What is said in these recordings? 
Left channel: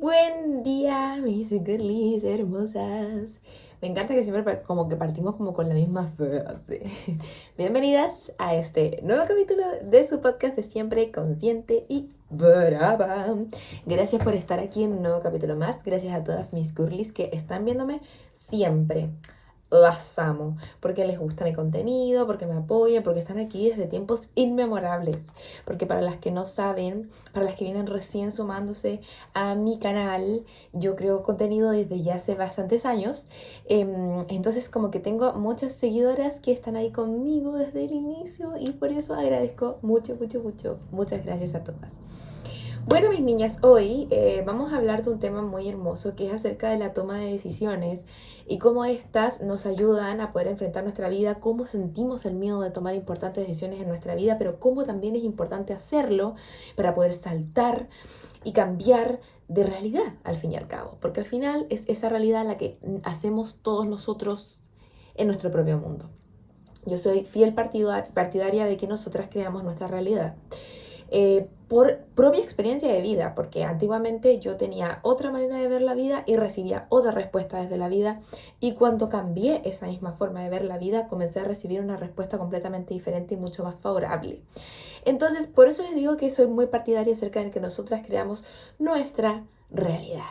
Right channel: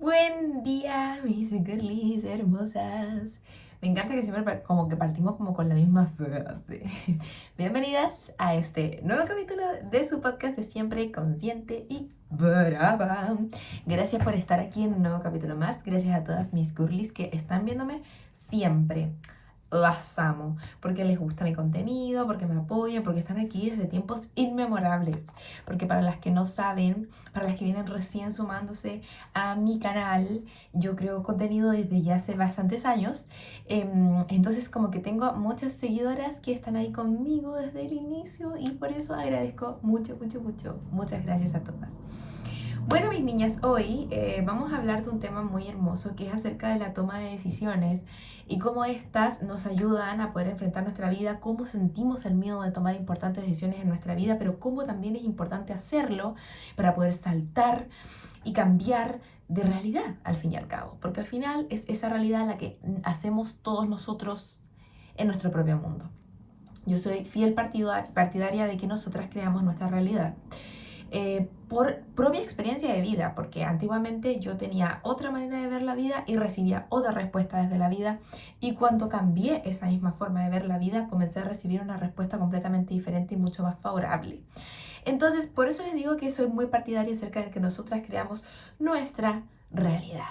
Buen día, mis girlies hermosas. Me encanta que siempre como que partimos como con la misma frase. Bienvenidas a este nuevo capítulo de su podcast de siempre consciente y brava. Gracias por estar aquí en un nuevo capítulo más. Gracias a todas mis girlies que están viéndome siempre. Las amo, porque les gusta mi contenido, porque me apoyan, porque están aquí desde tiempos inmemorables. Porque para las que no saben, para las que vienen recién sumándose a mi canal, yo creo contenido desde ya hace bastantes años. Entonces como que tengo muchas seguidoras que están ahí conmigo desde el inicio y por eso agradezco mucho, mucho, mucho. Muchas gracias a todas. Bueno, mis niñas, hoy vamos a hablar de un tema muy hermoso que es acerca de la toma de decisiones y cómo estas nos ayudan a poder enfrentar nuestra vida, cómo sentimos el miedo de tomar importantes decisiones en nuestra vida, pero cómo también es importante hacerlo para poder saltar y cambiar de realidad al fin y al cabo, porque al final es esa realidad la que hacemos todos nosotros en nuestro propio mundo. Yo soy fiel partidaria de que nosotras creamos nuestra realidad por propia experiencia de vida, porque antiguamente yo tenía otra manera de ver la vida y recibía otra respuesta desde la vida, y cuando cambié esa misma forma de ver la vida, comencé a recibir una respuesta completamente diferente y mucho más favorable. Entonces, por eso les digo que soy muy partidaria acerca de que nosotras creamos nuestra realidad.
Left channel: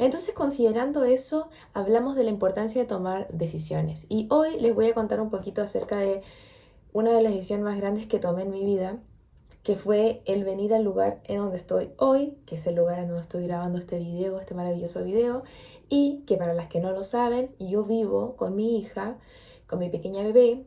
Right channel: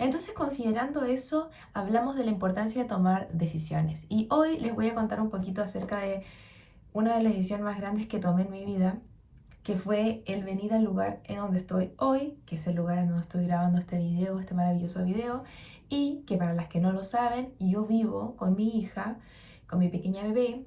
Entonces, considerando eso, hablamos de la importancia de tomar decisiones. Y hoy les voy a contar un poquito acerca de una de las decisiones más grandes que tomé en mi vida, que fue el venir al lugar en donde estoy hoy, que es el lugar en donde estoy grabando este video, este maravilloso video, y que para las que no lo saben, yo vivo con mi hija, con mi pequeña bebé,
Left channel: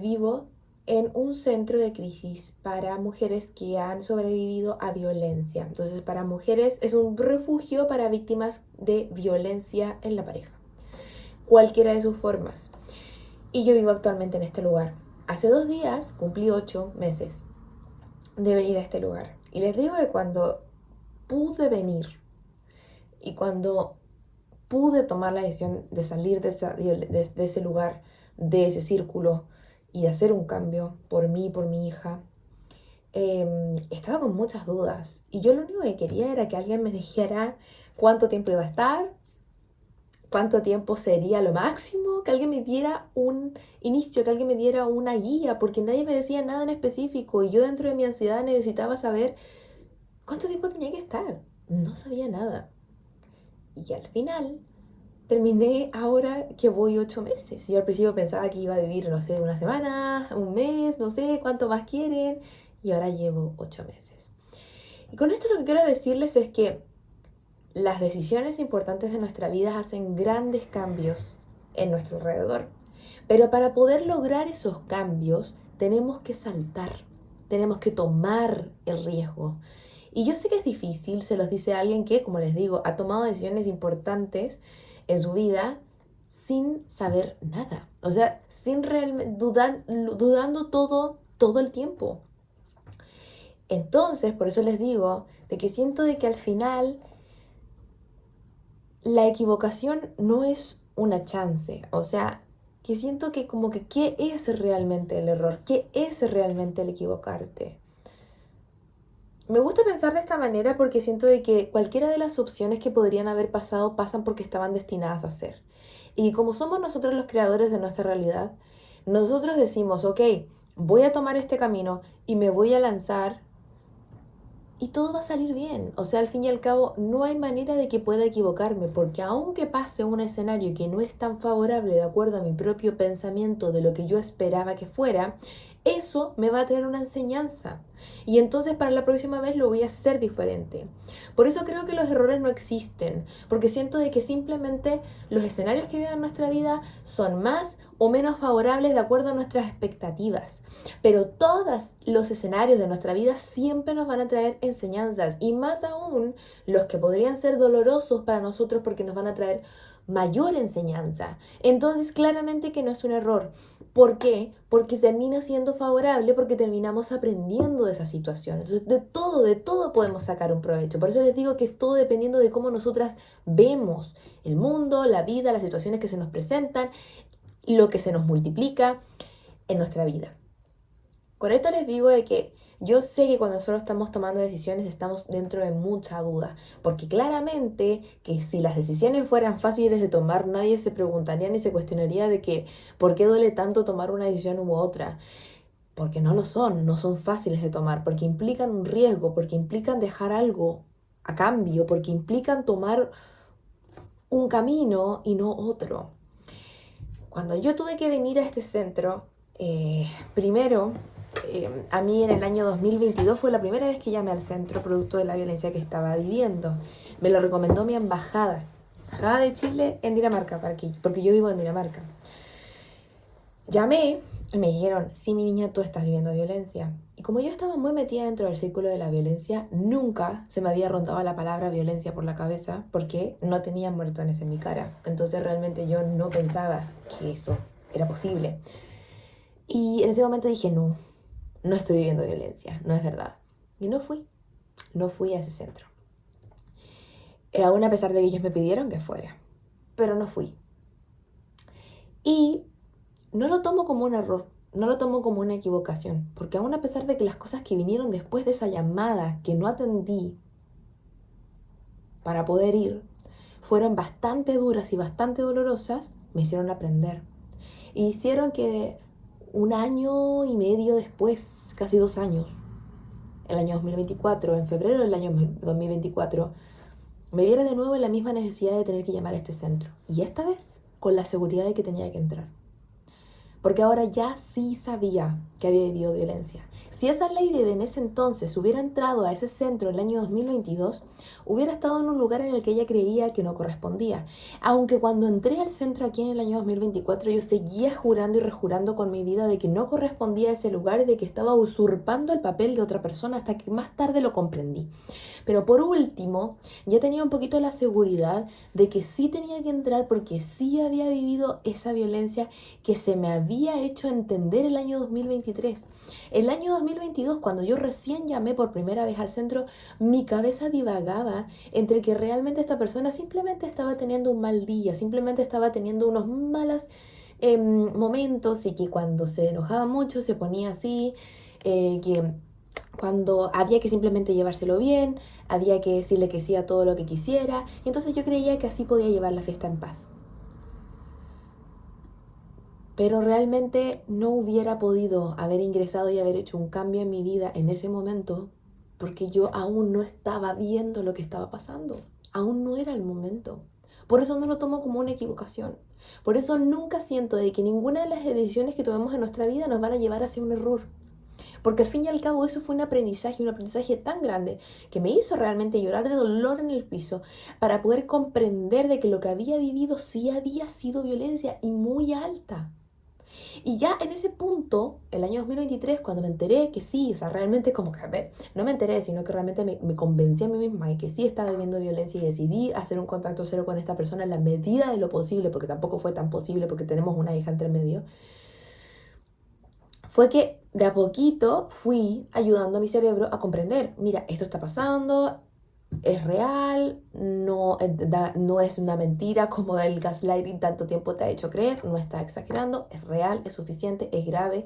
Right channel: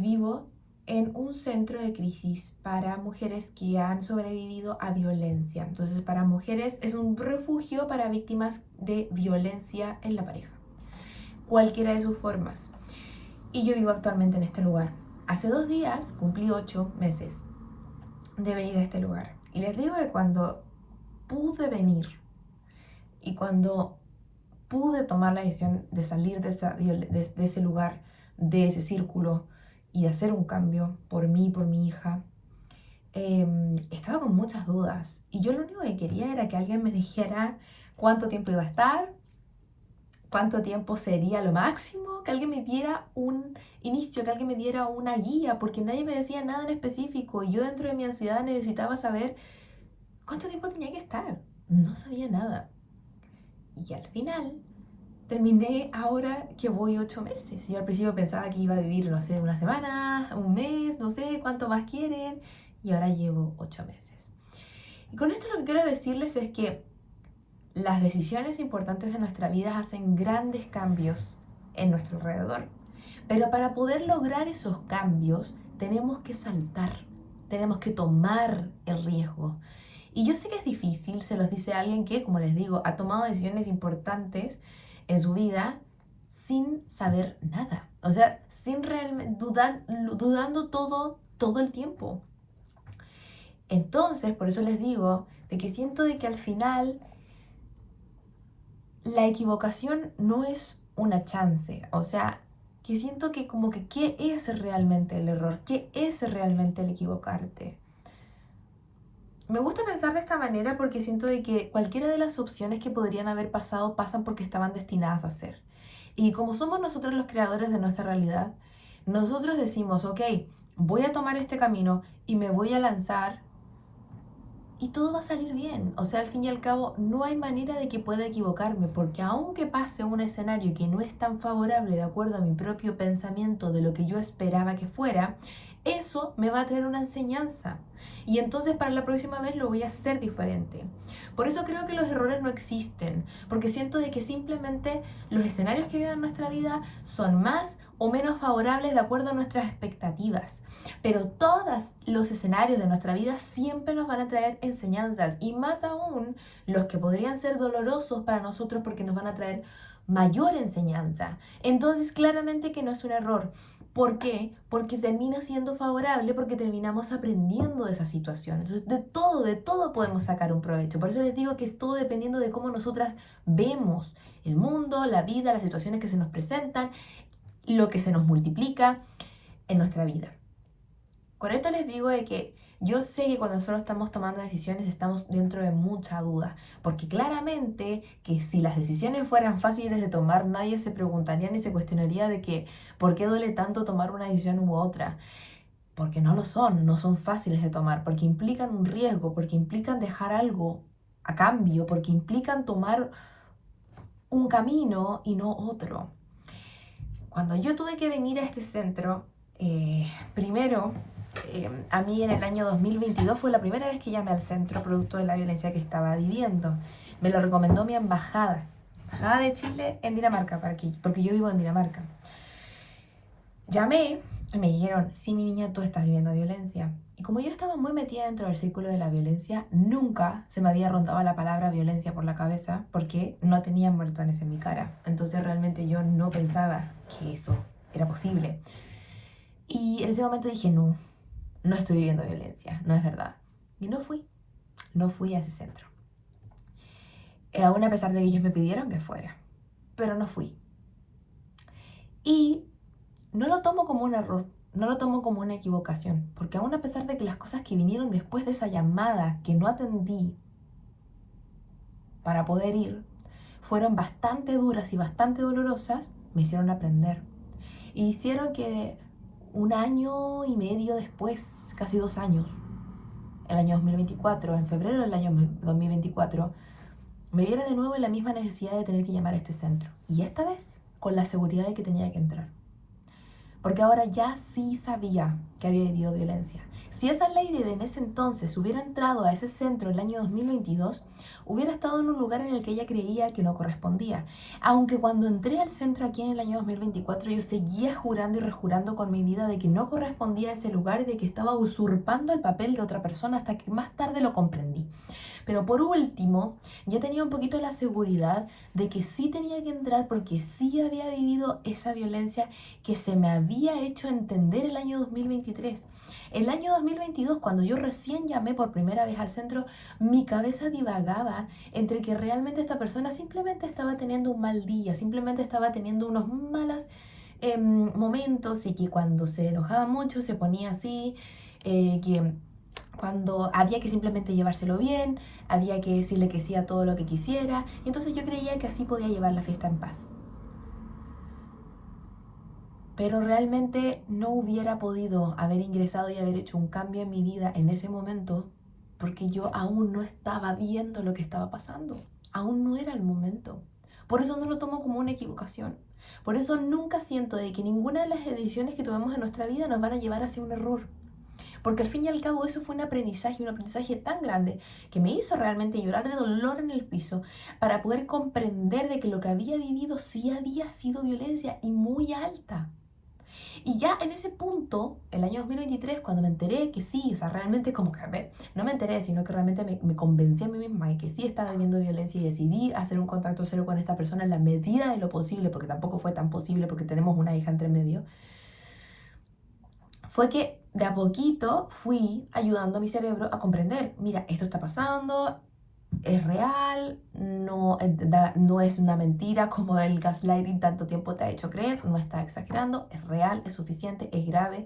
vivo en un centro de crisis para mujeres que han sobrevivido a violencia. Entonces, para mujeres es un refugio para víctimas de violencia en la pareja, cualquiera de sus formas. Y yo vivo actualmente en este lugar. Hace 2 días cumplí 8 meses de venir a este lugar. Y les digo que cuando pude venir y cuando pude tomar la decisión de salir de ese lugar, de ese círculo y de hacer un cambio por mí, por mi hija, estaba con muchas dudas. Y yo lo único que quería era que alguien me dijera cuánto tiempo iba a estar, cuánto tiempo sería lo máximo, que alguien me diera un inicio, que alguien me diera una guía, porque nadie me decía nada en específico y yo dentro de mi ansiedad necesitaba saber cuánto tiempo tenía que estar. No sabía nada. Y al final terminé ahora que voy 8 meses. Yo al principio pensaba que iba a vivir, no sé, una semana, un mes, no sé cuánto más quieren. Y ahora llevo 8 meses. Y con esto lo que quiero decirles es que las decisiones importantes de nuestra vida hacen grandes cambios en nuestro alrededor. Pero para poder lograr esos cambios tenemos que saltar, tenemos que tomar el riesgo. Y yo sé que es difícil, se los dice alguien que, como les digo, ha tomado decisiones importantes en su vida sin saber nada. O sea, sin realmente dudando todo el tiempo. Entonces, por eso les digo de que siento de que al final la equivocación no es una chance, o sea, que siento que como que qué es realmente el error, qué es realmente el equivocarte. Me gusta pensar de esta manera porque siento de que cualquiera de las opciones que podrían haber pasado pasan porque estaban destinadas a ser. Y como somos nosotros los creadores de nuestra realidad, nosotros decimos, ok, voy a tomar este camino y me voy a lanzar y todo va a salir bien. O sea, al fin y al cabo, no hay manera de que pueda equivocarme, porque aunque pase un escenario que no es tan favorable de acuerdo a mi propio pensamiento de lo que yo esperaba que fuera, eso me va a traer una enseñanza. Y entonces para la próxima vez lo voy a hacer diferente. Por eso creo que los errores no existen, porque siento de que simplemente los escenarios que viven en nuestra vida son más o menos favorables de acuerdo a nuestras expectativas. Pero todos los escenarios de nuestra vida siempre nos van a traer enseñanzas y más aún los que podrían ser dolorosos para nosotros porque nos van a traer mayor enseñanza. Entonces claramente que no es un error. ¿Por qué? Porque termina siendo favorable porque terminamos aprendiendo de esa situación. Entonces de todo podemos sacar un provecho. Por eso les digo que es todo dependiendo de cómo nosotras vemos el mundo, la vida, las situaciones que se nos presentan, lo que se nos multiplica en nuestra vida. Con esto les digo de que Yo sé que cuando nosotros estamos tomando decisiones estamos dentro de mucha duda, porque claramente que si las decisiones fueran fáciles de tomar, nadie se preguntaría ni se cuestionaría de que por qué duele tanto tomar una decisión u otra. Porque no lo son, no son fáciles de tomar, porque implican un riesgo, porque implican dejar algo a cambio, porque implican tomar un camino y no otro. Cuando yo tuve que venir a este centro, primero, a mí en el año 2022 fue la primera vez que llamé al centro producto de la violencia que estaba viviendo. Me lo recomendó mi embajada de Chile en Dinamarca, porque yo vivo en Dinamarca. Llamé y me dijeron, sí, mi niña, tú estás viviendo violencia. Y como yo estaba muy metida dentro del círculo de la violencia, nunca se me había rondado la palabra violencia por la cabeza porque no tenía muertones en mi cara. Entonces realmente yo no pensaba que eso era posible. Y en ese momento dije, no, no estoy viviendo violencia, no es verdad. Y no fui a ese centro. Aún a pesar de que ellos me pidieron que fuera, pero no fui. Y no lo tomo como un error, no lo tomo como una equivocación, porque aún a pesar de que las cosas que vinieron después de esa llamada que no atendí para poder ir, fueron bastante duras y bastante dolorosas, me hicieron aprender. Y hicieron que un año y medio después, casi 2 años, el año 2024, en febrero del año 2024, me viera de nuevo en la misma necesidad de tener que llamar a este centro. Y esta vez con la seguridad de que tenía que entrar. Porque ahora ya sí sabía que había vivido violencia. Si esa lady en ese entonces hubiera entrado a ese centro en el año 2022, hubiera estado en un lugar en el que ella creía que no correspondía. Aunque cuando entré al centro aquí en el año 2024, yo seguía jurando y rejurando con mi vida de que no correspondía a ese lugar y de que estaba usurpando el papel de otra persona hasta que más tarde lo comprendí. Pero por último, ya tenía un poquito la seguridad de que sí tenía que entrar porque sí había vivido esa violencia que se me había hecho entender el año 2023. El año 2022, cuando yo recién llamé por primera vez al centro, mi cabeza divagaba entre que realmente esta persona simplemente estaba teniendo un mal día, simplemente estaba teniendo unos malos momentos y que cuando se enojaba mucho se ponía así, que cuando había que simplemente llevárselo bien, había que decirle que sí a todo lo que quisiera, y entonces yo creía que así podía llevar la fiesta en paz. Pero realmente no hubiera podido haber ingresado y haber hecho un cambio en mi vida en ese momento porque yo aún no estaba viendo lo que estaba pasando. Aún no era el momento. Por eso no lo tomo como una equivocación. Por eso nunca siento de que ninguna de las decisiones que tomemos en nuestra vida nos van a llevar hacia un error. Porque al fin y al cabo eso fue un aprendizaje tan grande que me hizo realmente llorar de dolor en el piso para poder comprender de que lo que había vivido sí había sido violencia y muy alta. Y ya en ese punto, el año 2023, cuando me enteré que sí, o sea, realmente como que, a ver, no me enteré, sino que realmente me convencí a mí misma de que sí estaba viviendo violencia y decidí hacer un contacto cero con esta persona en la medida de lo posible, porque tampoco fue tan posible porque tenemos una hija entre medio, fue que de a poquito fui ayudando a mi cerebro a comprender, mira, esto está pasando, es real, no es una mentira como el gaslighting tanto tiempo te ha hecho creer, no está exagerando, es real, es suficiente, es grave.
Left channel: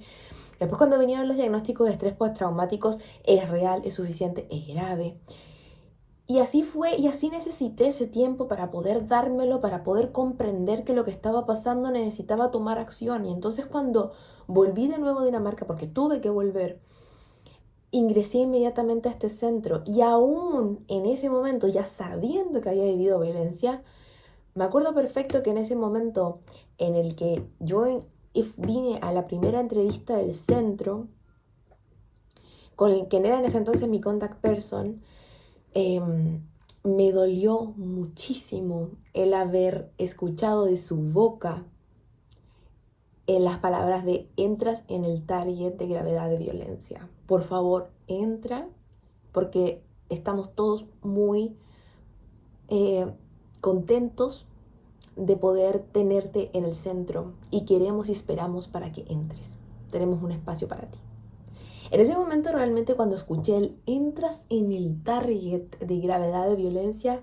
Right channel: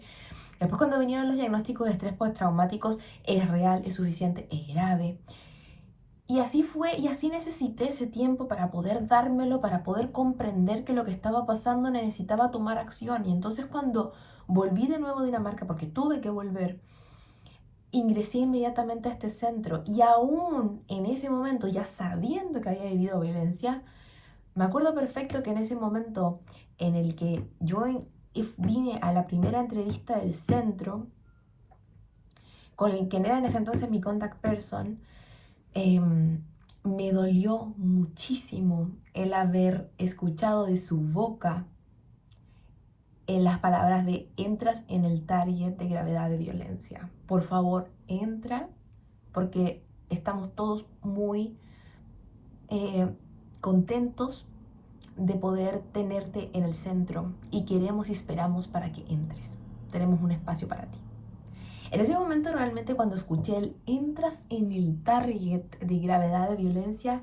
Después cuando vinieron los diagnósticos de estrés postraumáticos, es real, es suficiente, es grave. Y así fue, y así necesité ese tiempo para poder dármelo, para poder comprender que lo que estaba pasando necesitaba tomar acción. Y entonces cuando volví de nuevo a Dinamarca, porque tuve que volver, ingresé inmediatamente a este centro y aún en ese momento, ya sabiendo que había vivido violencia, me acuerdo perfecto que en ese momento en el que yo vine a la primera entrevista del centro, con el que era en ese entonces mi contact person, me dolió muchísimo el haber escuchado de su boca en las palabras de entras en el target de gravedad de violencia. Por favor, entra, porque estamos todos muy contentos de poder tenerte en el centro y queremos y esperamos para que entres. Tenemos un espacio para ti. En ese momento realmente cuando escuché el entras en el target de gravedad de violencia,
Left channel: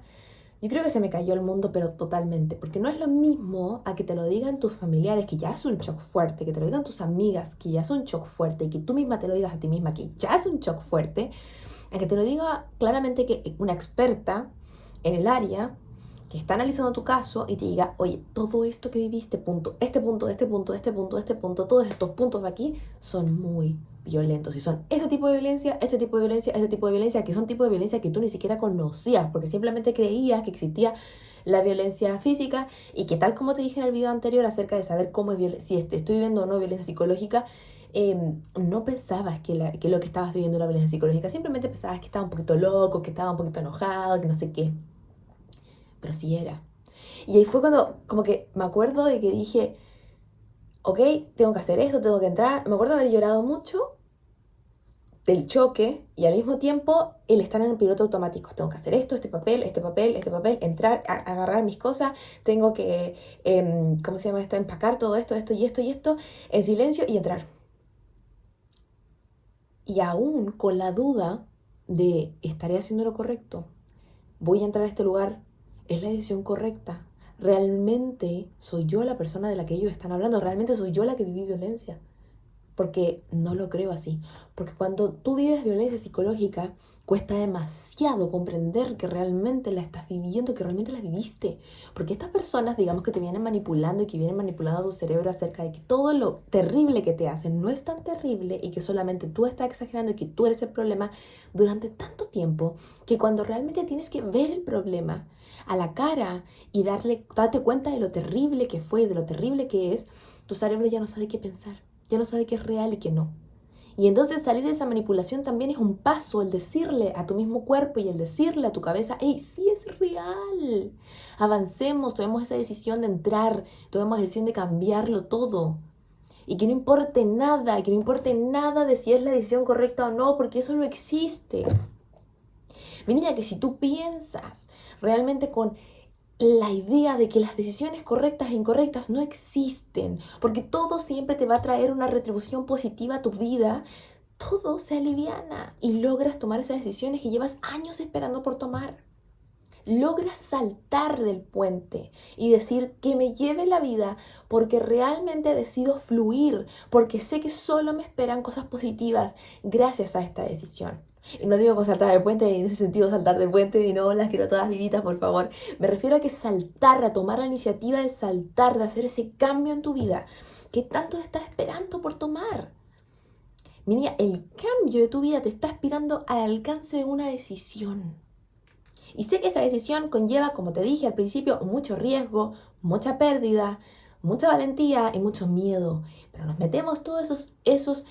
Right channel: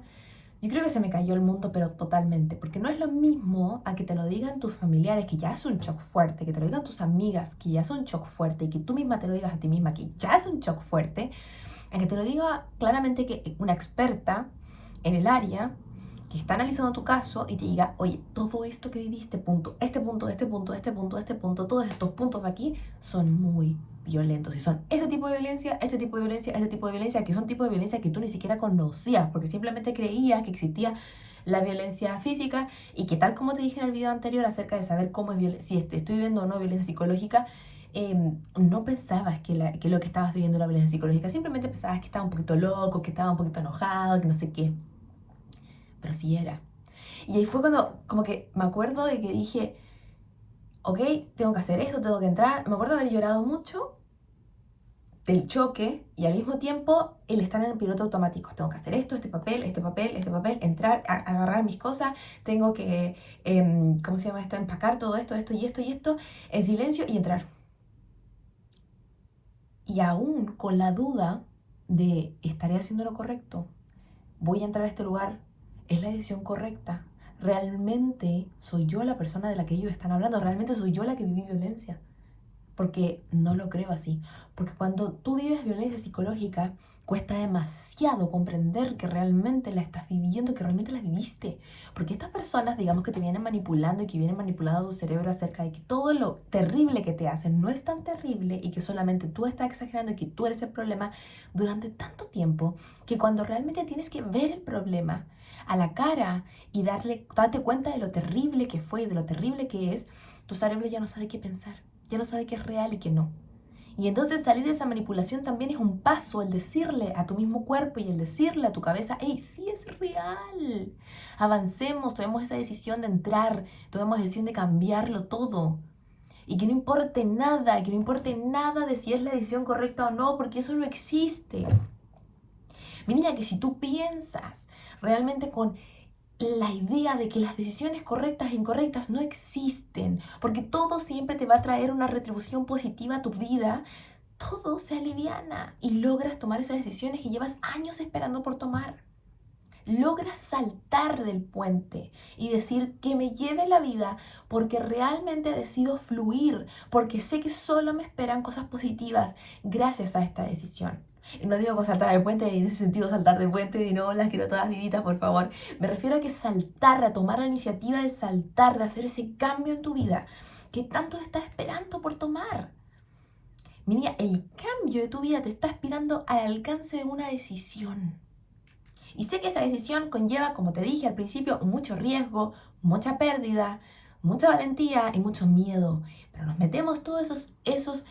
yo creo que se me cayó el mundo, pero totalmente, porque no es lo mismo a que te lo digan tus familiares, que ya es un shock fuerte, que te lo digan tus amigas, que ya es un shock fuerte, y que tú misma te lo digas a ti misma, que ya es un shock fuerte, a que te lo diga claramente que una experta en el área, que está analizando tu caso y te diga, oye, todo esto que viviste, punto, este punto, este punto, este punto, este punto, todos estos puntos de aquí son muy violentos. Y son este tipo de violencia, este tipo de violencia, este tipo de violencia, que son tipos de violencia que tú ni siquiera conocías, porque simplemente creías que existía la violencia física y que tal como te dije en el video anterior acerca de saber cómo es si estoy viviendo o no violencia psicológica, no pensabas que lo que estabas viviendo era violencia psicológica, simplemente pensabas que estaba un poquito loco, que estaba un poquito enojado, que no sé qué, pero sí era. Y ahí fue cuando como que me acuerdo de que dije, ok, tengo que hacer esto, tengo que entrar. Me acuerdo de haber llorado mucho del choque y al mismo tiempo el estar en el piloto automático. Tengo que hacer esto, este papel, este papel, este papel, entrar, agarrar mis cosas, tengo que, ¿cómo se llama esto? Empacar todo esto, esto y esto y esto en silencio y entrar. Y aún con la duda de, ¿estaré haciendo lo correcto? ¿Voy a entrar a este lugar? ¿Es la decisión correcta? ¿Realmente soy yo la persona de la que ellos están hablando? ¿Realmente soy yo la que viví violencia? Porque no lo creo así. Porque cuando tú vives violencia psicológica, cuesta demasiado comprender que realmente la estás viviendo, que realmente la viviste. Porque estas personas, digamos que te vienen manipulando y que vienen manipulando tu cerebro acerca de que todo lo terrible que te hacen no es tan terrible y que solamente tú estás exagerando y que tú eres el problema durante tanto tiempo que cuando realmente tienes que ver el problema a la cara y darte cuenta de lo terrible que fue y de lo terrible que es, tu cerebro ya no sabe qué pensar, ya no sabe qué es real y qué no. Y entonces salir de esa manipulación también es un paso, el decirle a tu mismo cuerpo y el decirle a tu cabeza, hey, sí es real. Avancemos, tomemos esa decisión de entrar, tomemos la decisión de cambiarlo todo. Y que no importe nada, que no importe nada de si es la decisión correcta o no, porque eso no existe. Mi niña, que si tú piensas realmente con la idea de que las decisiones correctas e incorrectas no existen, porque todo siempre te va a traer una retribución positiva a tu vida, todo se aliviana y logras tomar esas decisiones que llevas años esperando por tomar. Logras saltar del puente y decir que me lleve la vida porque realmente decido fluir, porque sé que solo me esperan cosas positivas gracias a esta decisión. Y no digo con saltar del puente en ese sentido saltar del puente y no las quiero todas vivitas, por favor. Me refiero a que saltar, a tomar la iniciativa de saltar, de hacer ese cambio en tu vida que tanto estás esperando por tomar. Mira, el cambio de tu vida te está esperando al alcance de una decisión. Y sé que esa decisión conlleva, como te dije al principio, mucho riesgo, mucha pérdida, mucha valentía y mucho miedo. Pero nos metemos todas esos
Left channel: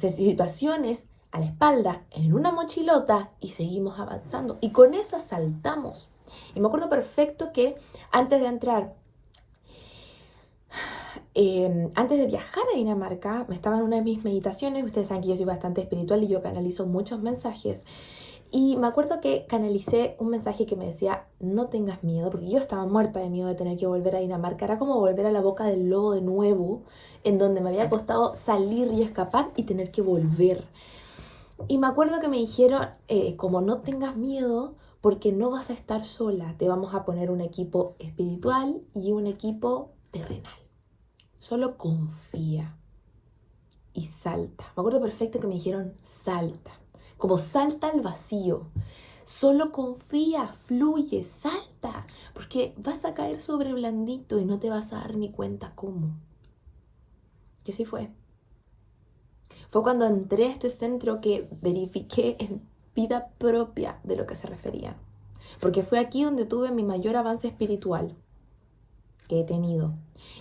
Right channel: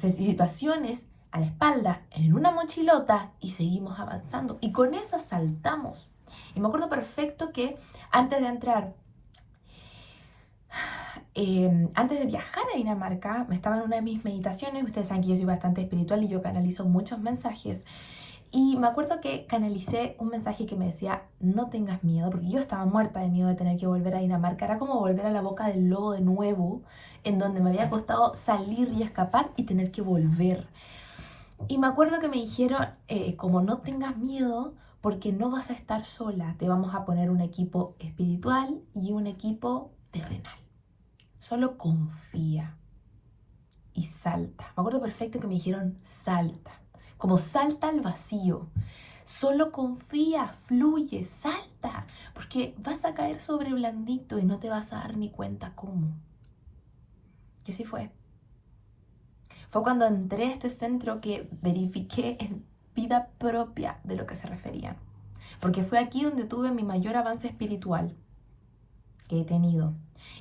situaciones a la espalda en una mochilota y seguimos avanzando. Y con esa saltamos. Y me acuerdo perfecto que antes de entrar, antes de viajar a Dinamarca, estaba en una de mis meditaciones. Ustedes saben que yo soy bastante espiritual y yo canalizo muchos mensajes. Y me acuerdo que canalicé un mensaje que me decía, no tengas miedo, porque yo estaba muerta de miedo de tener que volver a Dinamarca. Era como volver a la boca del lobo de nuevo, en donde me había costado salir y escapar y tener que volver. Y me acuerdo que me dijeron, como no tengas miedo, porque no vas a estar sola, te vamos a poner un equipo espiritual y un equipo terrenal. Solo confía y salta. Me acuerdo perfecto que me dijeron, salta. Como salta al vacío. Solo confía, fluye, salta, porque vas a caer sobre blandito y no te vas a dar ni cuenta cómo. Y así fue. Fue cuando entré a este centro que verifiqué en vida propia de lo que se referían. Porque fue aquí donde tuve mi mayor avance espiritual que he tenido.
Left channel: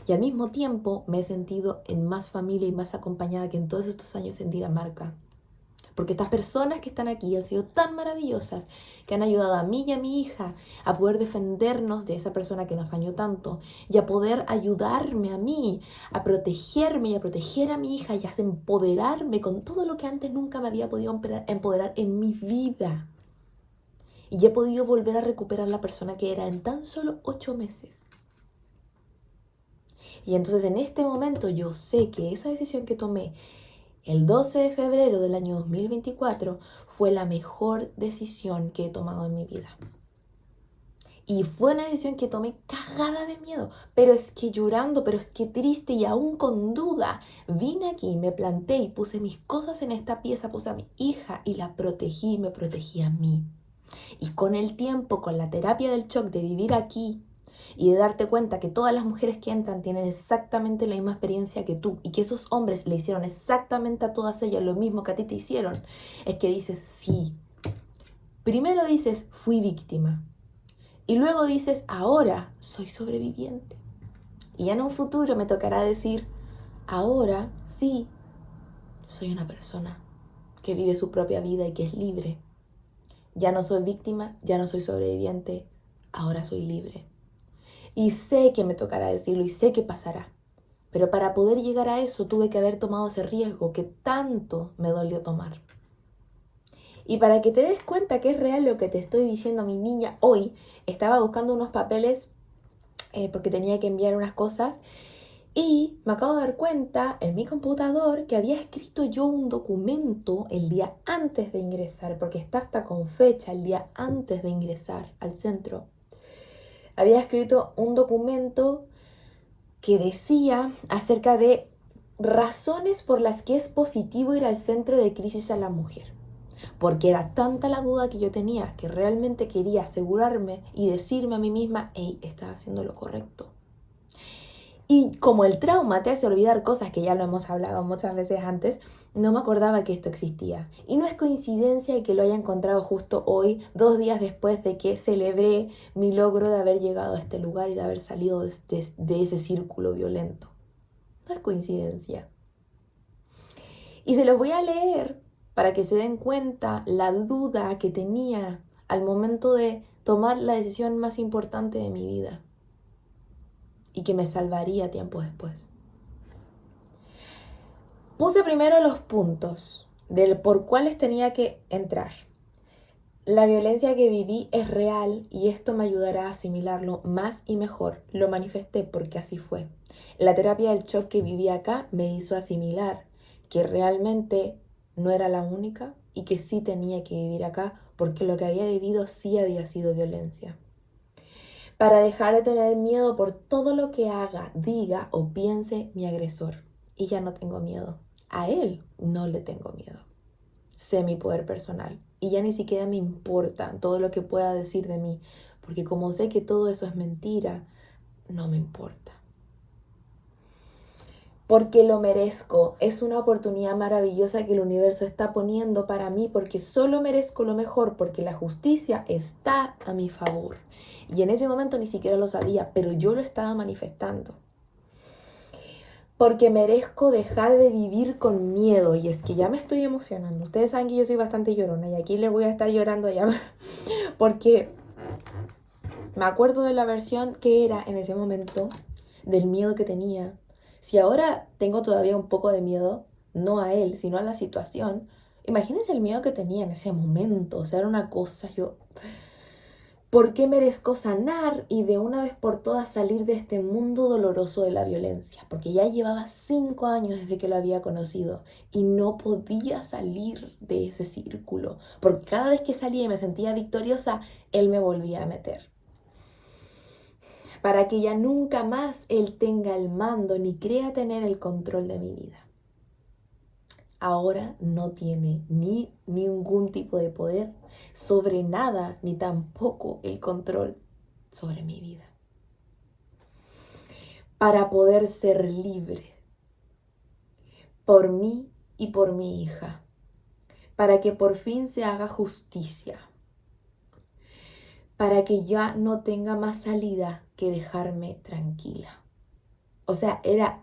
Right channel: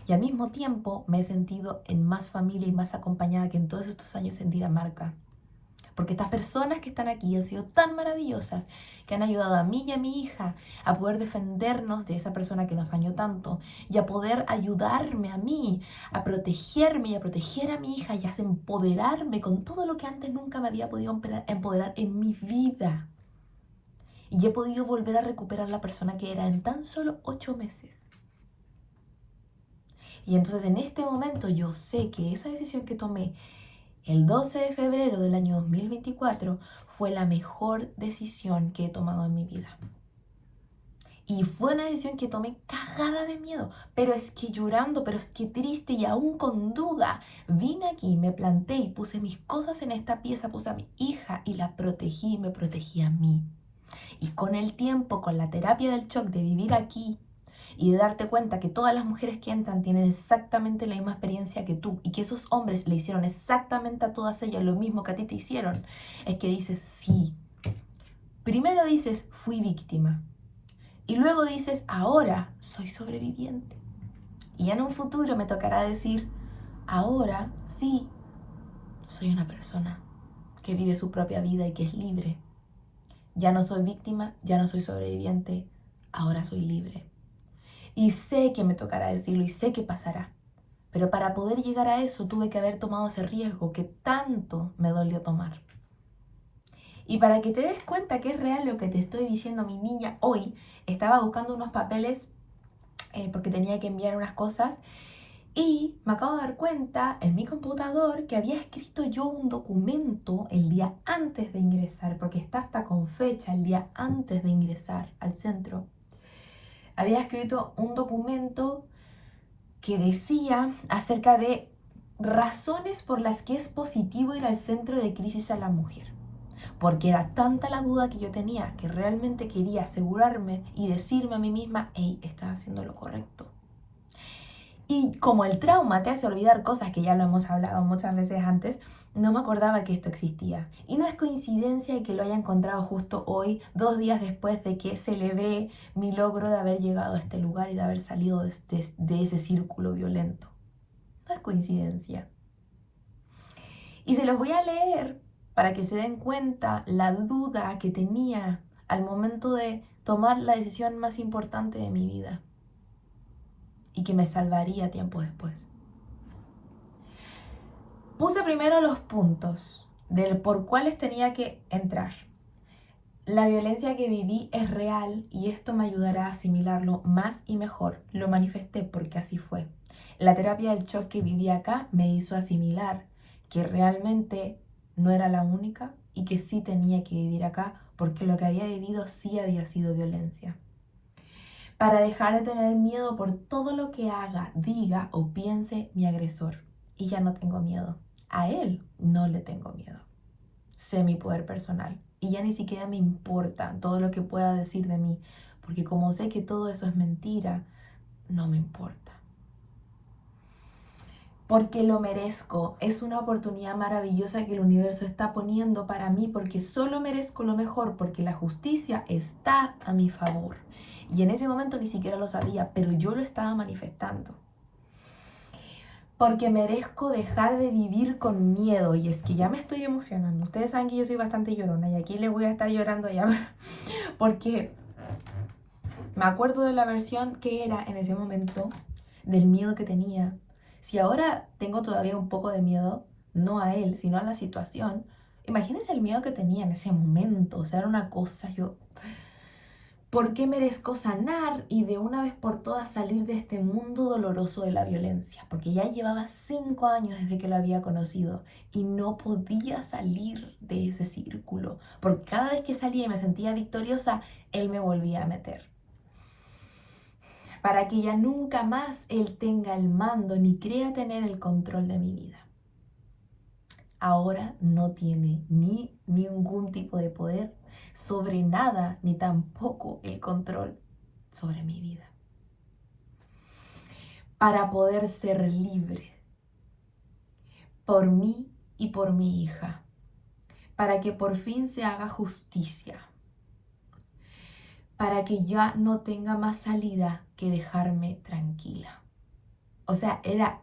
Y al mismo tiempo me he sentido en más familia y más acompañada que en todos estos años en Dinamarca. Porque estas personas que están aquí han sido tan maravillosas que han ayudado a mí y a mi hija a poder defendernos de esa persona que nos dañó tanto y a poder ayudarme a mí, a protegerme y a proteger a mi hija y a empoderarme con todo lo que antes nunca me había podido empoderar en mi vida. Y he podido volver a recuperar la persona que era en tan solo 8 meses. Y entonces en este momento yo sé que esa decisión que tomé el 12 de febrero del año 2024 fue la mejor decisión que he tomado en mi vida. Y fue una decisión que tomé cagada de miedo, pero es que llorando, pero es que triste y aún con duda, vine aquí, me planté y puse mis cosas en esta pieza, puse a mi hija y la protegí y me protegí a mí. Y con el tiempo, con la terapia del shock de vivir aquí y de darte cuenta que todas las mujeres que entran tienen exactamente la misma experiencia que tú y que esos hombres le hicieron exactamente a todas ellas lo mismo que a ti te hicieron, es que dices, sí. Primero dices, fui víctima. Y luego dices, ahora soy sobreviviente. Y ya en un futuro me tocará decir, ahora sí, soy una persona que vive su propia vida y que es libre. Ya no soy víctima, ya no soy sobreviviente, ahora soy libre. Y sé que me tocará decirlo y sé que pasará. Pero para poder llegar a eso tuve que haber tomado ese riesgo que tanto me dolió tomar. Y para que te des cuenta que es real lo que te estoy diciendo, mi niña, hoy estaba buscando unos papeles porque tenía que enviar unas cosas y me acabo de dar cuenta en mi computador que había escrito yo un documento el día antes de ingresar, porque está hasta con fecha el día antes de ingresar al centro. Había escrito un documento que decía acerca de razones por las que es positivo ir al centro de crisis a la mujer. Porque era tanta la duda que yo tenía que realmente quería asegurarme y decirme a mí misma, hey, estás haciendo lo correcto. Y como el trauma te hace olvidar cosas que ya lo hemos hablado muchas veces antes, no me acordaba que esto existía. Y no es coincidencia que lo haya encontrado justo hoy, 2 días después de que celebré mi logro de haber llegado a este lugar y de haber salido de ese círculo violento. No es coincidencia. Y se los voy a leer para que se den cuenta la duda que tenía al momento de tomar la decisión más importante de mi vida y que me salvaría tiempo después. Puse primero los puntos del por cuáles tenía que entrar. La violencia que viví es real y esto me ayudará a asimilarlo más y mejor. Lo manifesté porque así fue. La terapia del shock que viví acá me hizo asimilar que realmente no era la única y que sí tenía que vivir acá porque lo que había vivido sí había sido violencia. Para dejar de tener miedo por todo lo que haga, diga o piense mi agresor. Y ya no tengo miedo. A él no le tengo miedo. Sé mi poder personal y ya ni siquiera me importa todo lo que pueda decir de mí, porque como sé que todo eso es mentira, no me importa. Porque lo merezco, es una oportunidad maravillosa que el universo está poniendo para mí, porque solo merezco lo mejor, porque la justicia está a mi favor. Y en ese momento ni siquiera lo sabía, pero yo lo estaba manifestando. Porque merezco dejar de vivir con miedo. Y es que ya me estoy emocionando. Ustedes saben que yo soy bastante llorona y aquí les voy a estar llorando ya. Porque me acuerdo de la versión que era en ese momento, del miedo que tenía. Si ahora tengo todavía un poco de miedo, no a él, sino a la situación, imagínense el miedo que tenía en ese momento. O sea, era una cosa, ¿por qué merezco sanar y de una vez por todas salir de este mundo doloroso de la violencia? Porque ya llevaba 5 años desde que lo había conocido y no podía salir de ese círculo. Porque cada vez que salía y me sentía victoriosa, él me volvía a meter. Para que ya nunca más él tenga el mando ni crea tener el control de mi vida. Ahora no tiene ni ningún tipo de poder sobre nada, ni tampoco el control sobre mi vida. Para poder ser libre por mí y por mi hija. Para que por fin se haga justicia. Para que ya no tenga más salida que dejarme tranquila. O sea, era,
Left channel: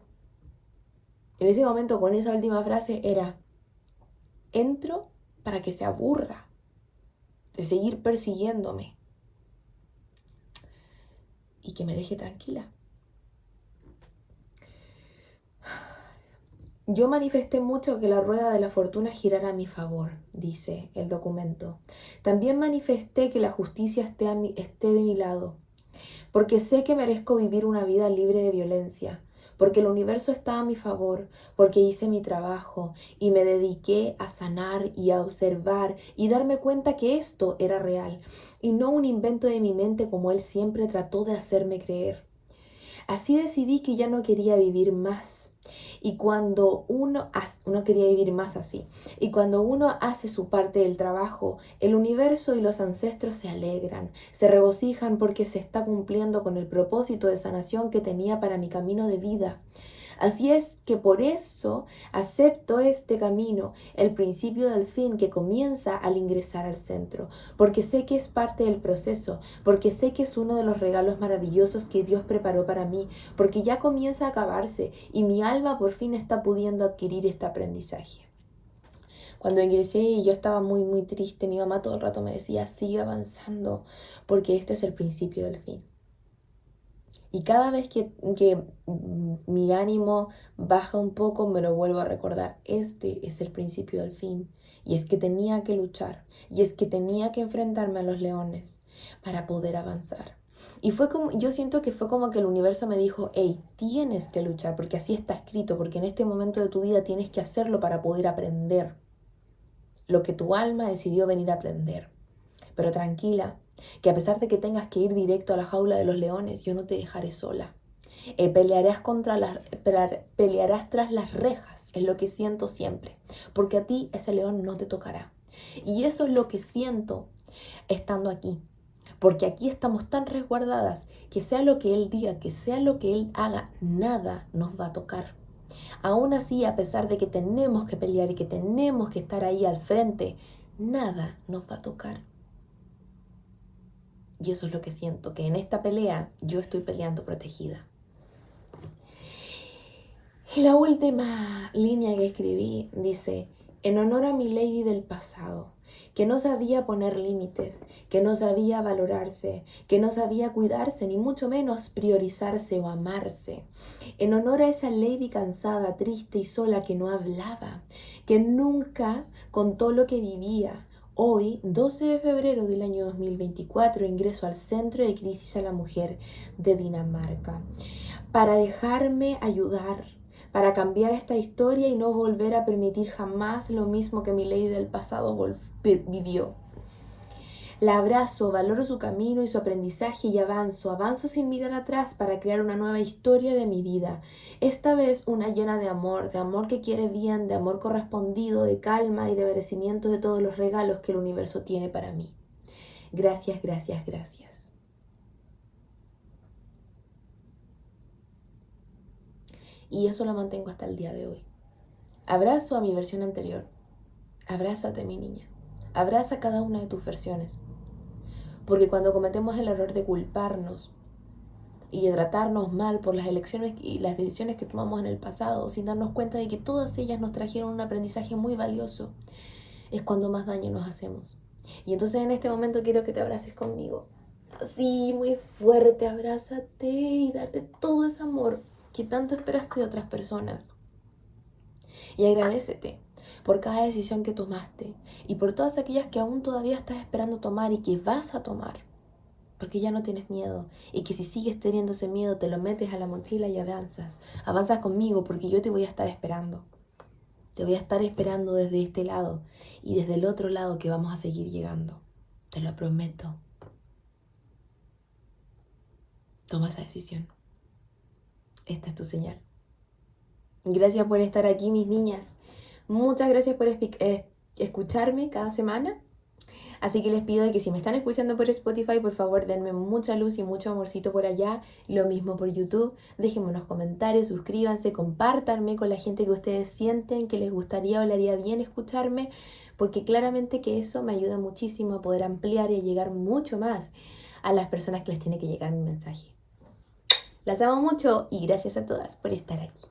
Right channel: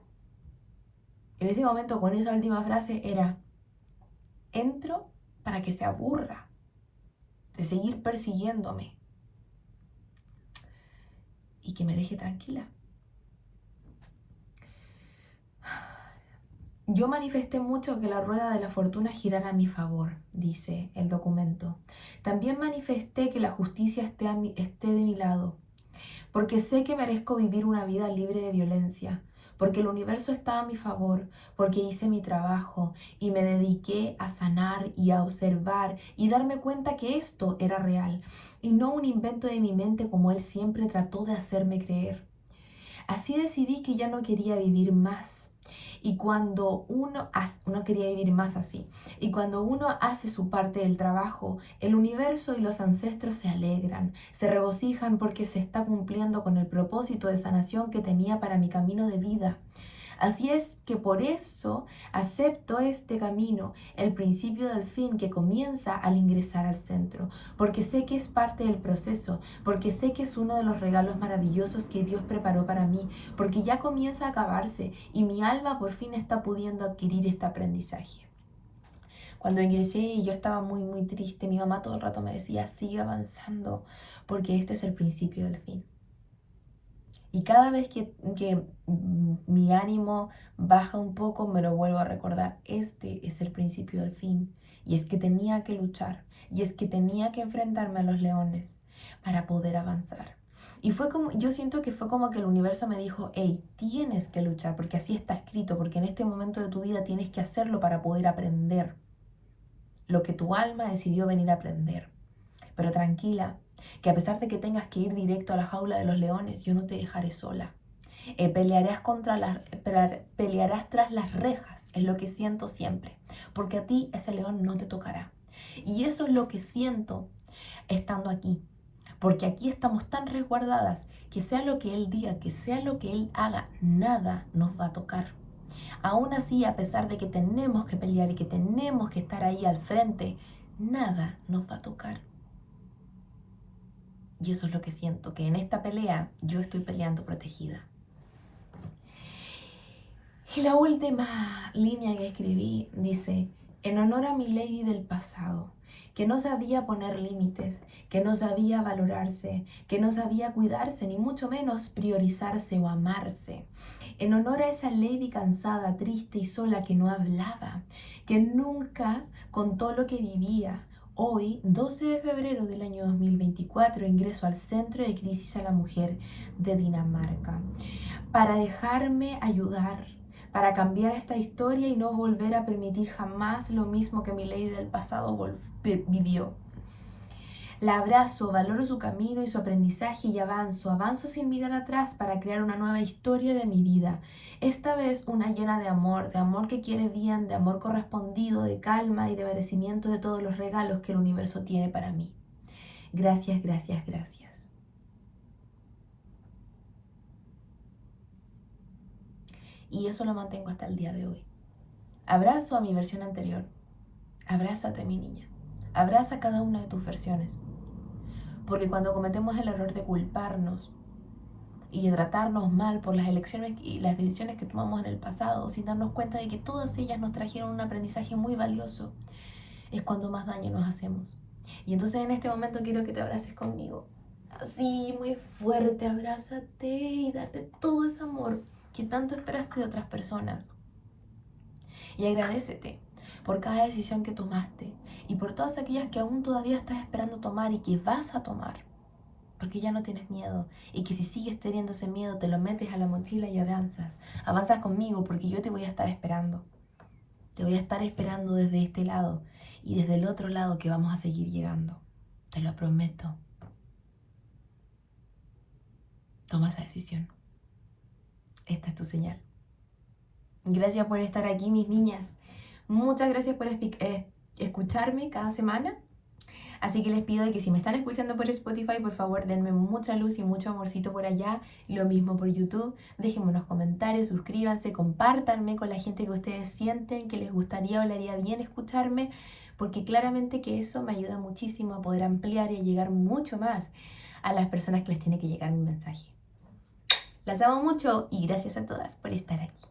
en ese momento con esa última frase era, entro para que se aburra de seguir persiguiéndome y que me deje tranquila. Yo manifesté mucho que la rueda de la fortuna girara a mi favor, dice el documento. También manifesté que la justicia esté de mi lado, porque sé que merezco vivir una vida libre de violencia, porque el universo está a mi favor, porque hice mi trabajo y me dediqué a sanar y a observar y darme cuenta que esto era real y no un invento de mi mente como él siempre trató de hacerme creer. Así decidí que ya no quería vivir más. Y cuando no quería vivir más así. Y cuando uno hace su parte del trabajo, el universo y los ancestros se alegran, se regocijan porque se está cumpliendo con el propósito de sanación que tenía para mi camino de vida. Así es que por eso acepto este camino, el principio del fin que comienza al ingresar al centro, porque sé que es parte del proceso, porque sé que es uno de los regalos maravillosos que Dios preparó para mí, porque ya comienza a acabarse y mi alma por fin está pudiendo adquirir este aprendizaje. Cuando ingresé y yo estaba muy triste, mi mamá todo el rato me decía, sigue avanzando, porque este es el principio del fin. Y cada vez que mi ánimo baja un poco, me lo vuelvo a recordar. Este es el principio del fin. Y es que tenía que luchar. Y es que tenía que enfrentarme a los leones para poder avanzar. Y fue como, yo siento que fue como que el universo me dijo, hey, tienes que luchar, porque así está escrito, porque en este momento de tu vida tienes que hacerlo para poder aprender lo que tu alma decidió venir a aprender. Pero tranquila, que a pesar de que tengas que ir directo a la jaula de los leones, yo no te dejaré sola. Pelearás tras las rejas, es lo que siento siempre, porque a ti ese león no te tocará. Y eso es lo que siento estando aquí, porque aquí estamos tan resguardadas que sea lo que él diga, que sea lo que él haga, nada nos va a tocar. Aún así, a pesar de que tenemos que pelear y que tenemos que estar ahí al frente, nada nos va a tocar. Y eso es lo que siento, que en esta pelea yo estoy peleando protegida. Y la última línea que escribí dice, en honor a mi lady del pasado, que no sabía poner límites, que no sabía valorarse, que no sabía cuidarse, ni mucho menos priorizarse o amarse. En honor a esa lady cansada, triste y sola que no hablaba, que nunca contó lo que vivía. Hoy, 12 de febrero del año 2024, ingreso al Centro de Crisis a la Mujer de Dinamarca para dejarme ayudar, para cambiar esta historia y no volver a permitir jamás lo mismo que mi ley del pasado vivió. La abrazo, valoro su camino y su aprendizaje y avanzo sin mirar atrás para crear una nueva historia de mi vida. Esta vez una llena de amor que quiere bien, de amor correspondido, de calma y de merecimiento de todos los regalos que el universo tiene para mí. Gracias, gracias, gracias. Y eso lo mantengo hasta el día de hoy. Abrazo a mi versión anterior. Abrázate, mi niña. Abraza cada una de tus versiones. Porque cuando cometemos el error de culparnos y de tratarnos mal por las elecciones y las decisiones que tomamos en el pasado, sin darnos cuenta de que todas ellas nos trajeron un aprendizaje muy valioso, es cuando más daño nos hacemos. Y entonces en este momento quiero que te abraces conmigo. Así, muy fuerte, abrázate y darte todo ese amor que tanto esperaste de otras personas. Y agradécete por cada decisión que tomaste y por todas aquellas que aún todavía estás esperando tomar y que vas a tomar, porque ya no tienes miedo y que si sigues teniendo ese miedo te lo metes a la mochila y avanzas conmigo porque yo te voy a estar esperando. Te voy a estar esperando desde este lado y desde el otro lado que vamos a seguir llegando. Te lo prometo. Toma esa decisión. Esta es tu señal. Gracias por estar aquí, mis niñas. Muchas gracias por escucharme cada semana. Así que les pido que si me están escuchando por Spotify, por favor denme mucha luz y mucho amorcito por allá. Lo mismo por YouTube. Déjenme unos comentarios, suscríbanse, compártanme con la gente que ustedes sienten que les gustaría o le haría bien escucharme, porque claramente que eso me ayuda muchísimo a poder ampliar y a llegar mucho más a las personas que les tiene que llegar mi mensaje. Las amo mucho y gracias a todas por estar aquí.